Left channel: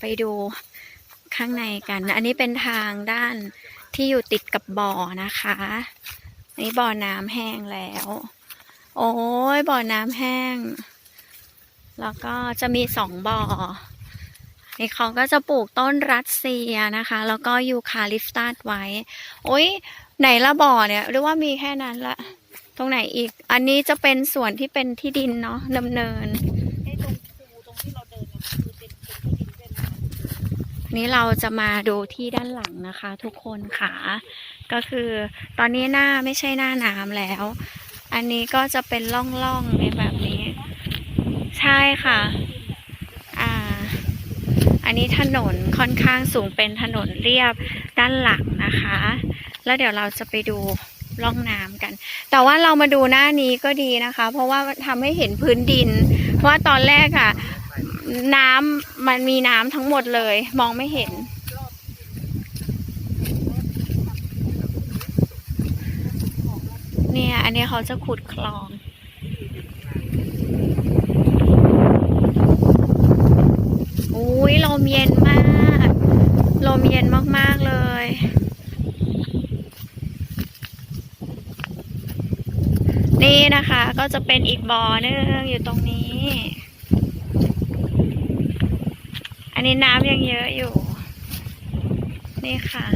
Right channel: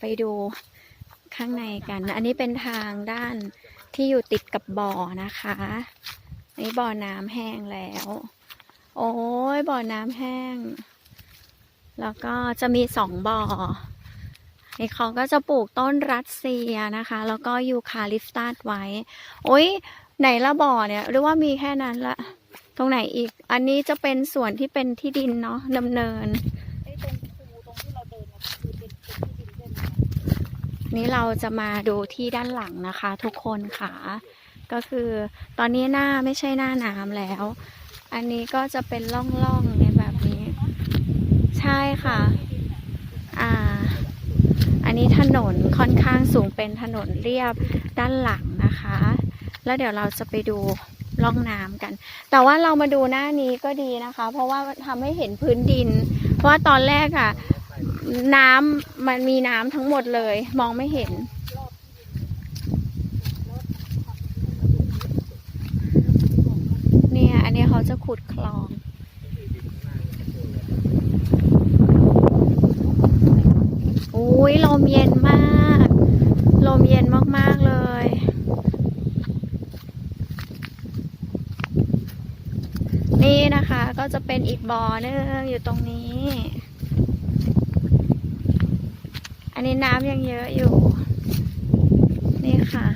ไปดูข้างในกันอันนี้เป็นทางด้านที่อยู่ติดกับบ่อนะคะอันนี้บ่อน้ำแห้งแล้วโอ้ยบ่อน้ำแห้งแล้วก็จะมี2 บ่อนี่เขาก็จะปลูกต้นรัสเซียนะคะแล้วก็ยูคาลิปตัสไว้โอ้ยไหนละบ่อเนี่ยหรือว่ามีแค่นั้นละตรงไหนอีกอันนี้จะเป็นส่วนที่เป็นที่ดินเนาะดำเนินตรงที่เราเดินเนี่ยคือเป็นที่ดินด้วยนะนี้เราจะมาดูที่ด้านหลังนะคะทุกคนค่ะก็คือตอนนี้ไม่ใช่หน้าน้ำแล้ว อันนี้ก็จะเป็นร่องๆในแบบนี้ใช่ค่ะอันนี้ถนนค่อนข้างสูงเป็นถนนเรียบด้านหลังนะคะแล้วเดี๋ยวเราจะไปดูร่องน้ำกันแต่ว่าเรามาดูหน้านี้ก็ดีนะคะเพราะว่าทำให้เห็นพื้นดินเพราะว่าตอนแรกอะน้ำมันมีน้ำทั้งหมดเลยมองไม่เห็นเนี่ยอันนี้เขาจะขุดคลองอุ้ยลมเย็นมากลมเย็นมากๆเลยนี่นะคะก็จะเป็นอีกบ่อนึงอยู่ตรงนี้อันนี้น้ำยังเยอะอยู่นี่ค่ะ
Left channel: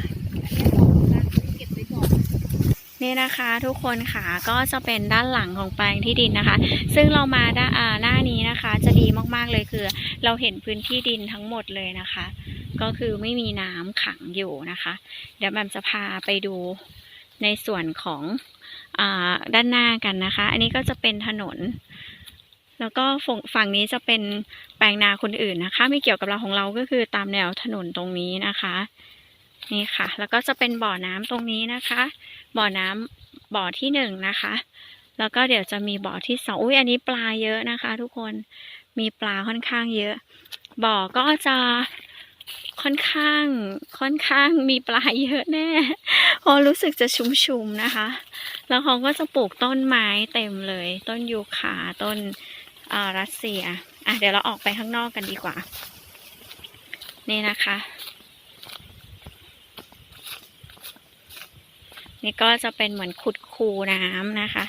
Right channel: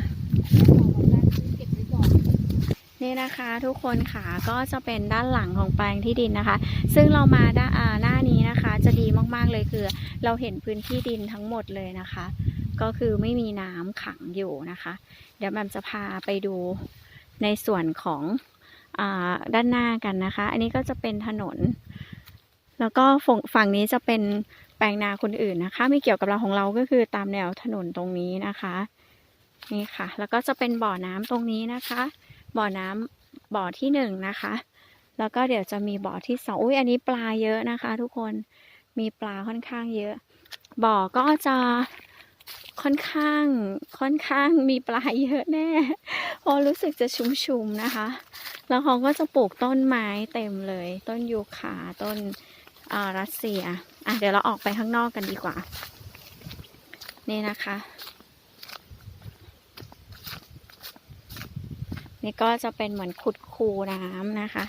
นี่นะคะทุกคนค่ะก็จะเป็นด้านหลังของแปลงที่ดินนะคะซึ่งเรามาหน้านี้นะคะจะดีมากๆเลยคือเราเห็นพื้นที่ดินทั้งหมดเลยนะคะก็คือไม่มีน้ำขังอยู่นะคะเดี๋ยวแบมจะพาไปดูในส่วนของด้านหน้ากันนะคะอันนี้ก็จะเป็นถนนแล้วก็ฝั่งนี้จะเป็นแปลงนาคนอื่นนะคะไม่เกี่ยวกับเราของเราก็คือตามแนวถนนตรงนี้นะคะนี่ค่ะแล้วก็จะเป็นบ่อน้ำตรงนี้นะคะบ่อน้ำบ่อที่1นะคะแล้วก็เดี๋ยวจะมีบ่อที่2อุ้ยอันนี้ปลาเยอะนะคะทุกคนมีปลาค่อนข้างเยอะบ่อก็จะค่อนข้างมีปลาเยอะแน่พอรู้สึกจะชุ่มๆนะคะแล้วเขาก็จะปลูกต้นไม้เต็มเลยต้นยูคาต้นรัสเซียเดี๋ยวเราออกไปข้างนอกกันดีกว่านี่นะคะนี่ก็จะเป็นเหมือนขุดคูน้ำนะคะ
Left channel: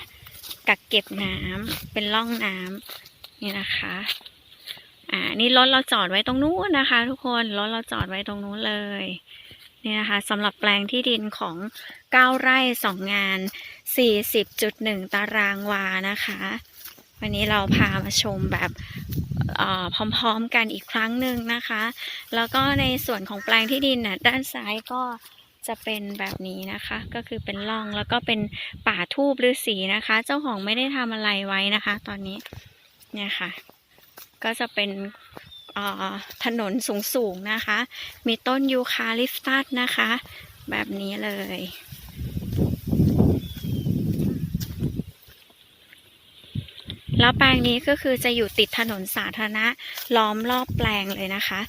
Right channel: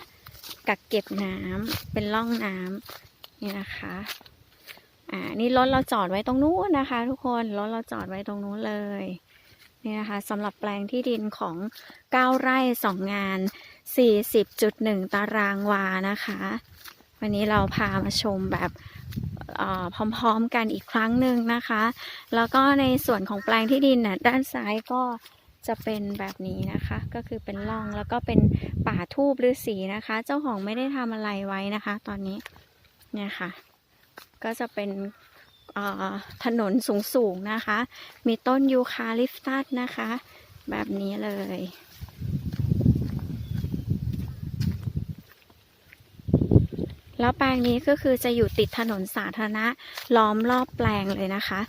กักเก็บน้ำเป็นร่องน้ำนี่นะคะนี่รถเราจอดไว้ตรงนู้นนะคะทุกคนรถเราจอดไว้ตรงนู้นเลยนี่นะคะสำหรับแปลงที่ดินของ9 ไร่ 2 งาน 40.1 ตารางวานะคะวันนี้เราพามาชมแบบพร้อมๆกันอีกครั้งหนึ่งนะคะแล้วก็ในส่วนของแปลงที่ดินด้านซ้ายก็จะเป็นแบบนี้นะคะก็คือเป็นร่องแล้วก็เป็นป่าทูบฤาษีนะคะเจ้าของไม่ได้ทำอะไรไว้นะคะตอนนี้เนี่ยค่ะก็จะเป็นถนนสูงๆนะคะมีต้นยูคาลิปตัสนะคะแบบนี้เลยแล้วแปลงนี้ก็คือจะอยู่ติดถนนสาธารณะล้อมรอบแปลงเลยนะคะ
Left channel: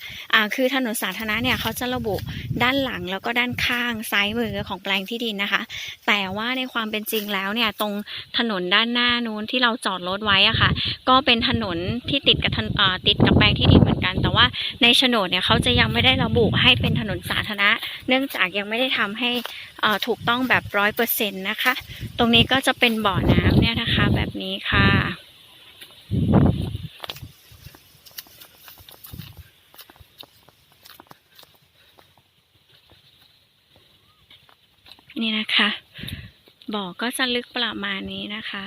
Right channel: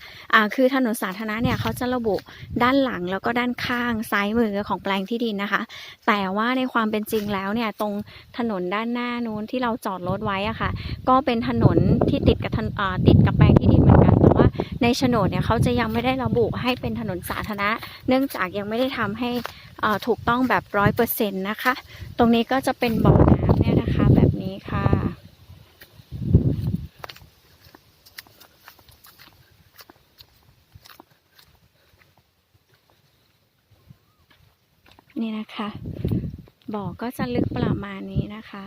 คือถนนสาธารณะเนี่ยเขาจะระบุด้านหลังแล้วก็ด้านข้างซ้ายมือของแปลงที่ดินนะคะแต่ว่าในความเป็นจริงแล้วเนี่ยตรงถนนด้านหน้านู้นที่เราจอดรถไว้อะค่ะก็เป็นถนนที่ติดกับแปลงที่ดินเหมือนกันแต่ว่าในโฉนดเนี่ยเขาจะยังไม่ได้ระบุให้เป็นถนนสาธารณะเนื่องจากยังไม่ได้ทำให้ถูกต้องแบบ100%นะคะตรงนี้ก็จะเป็นบ่อน้ำเนี่ยนะคะแบบนี้ค่ะนี่นะคะบ่อก็จะลึกประมาณนี้นะคะ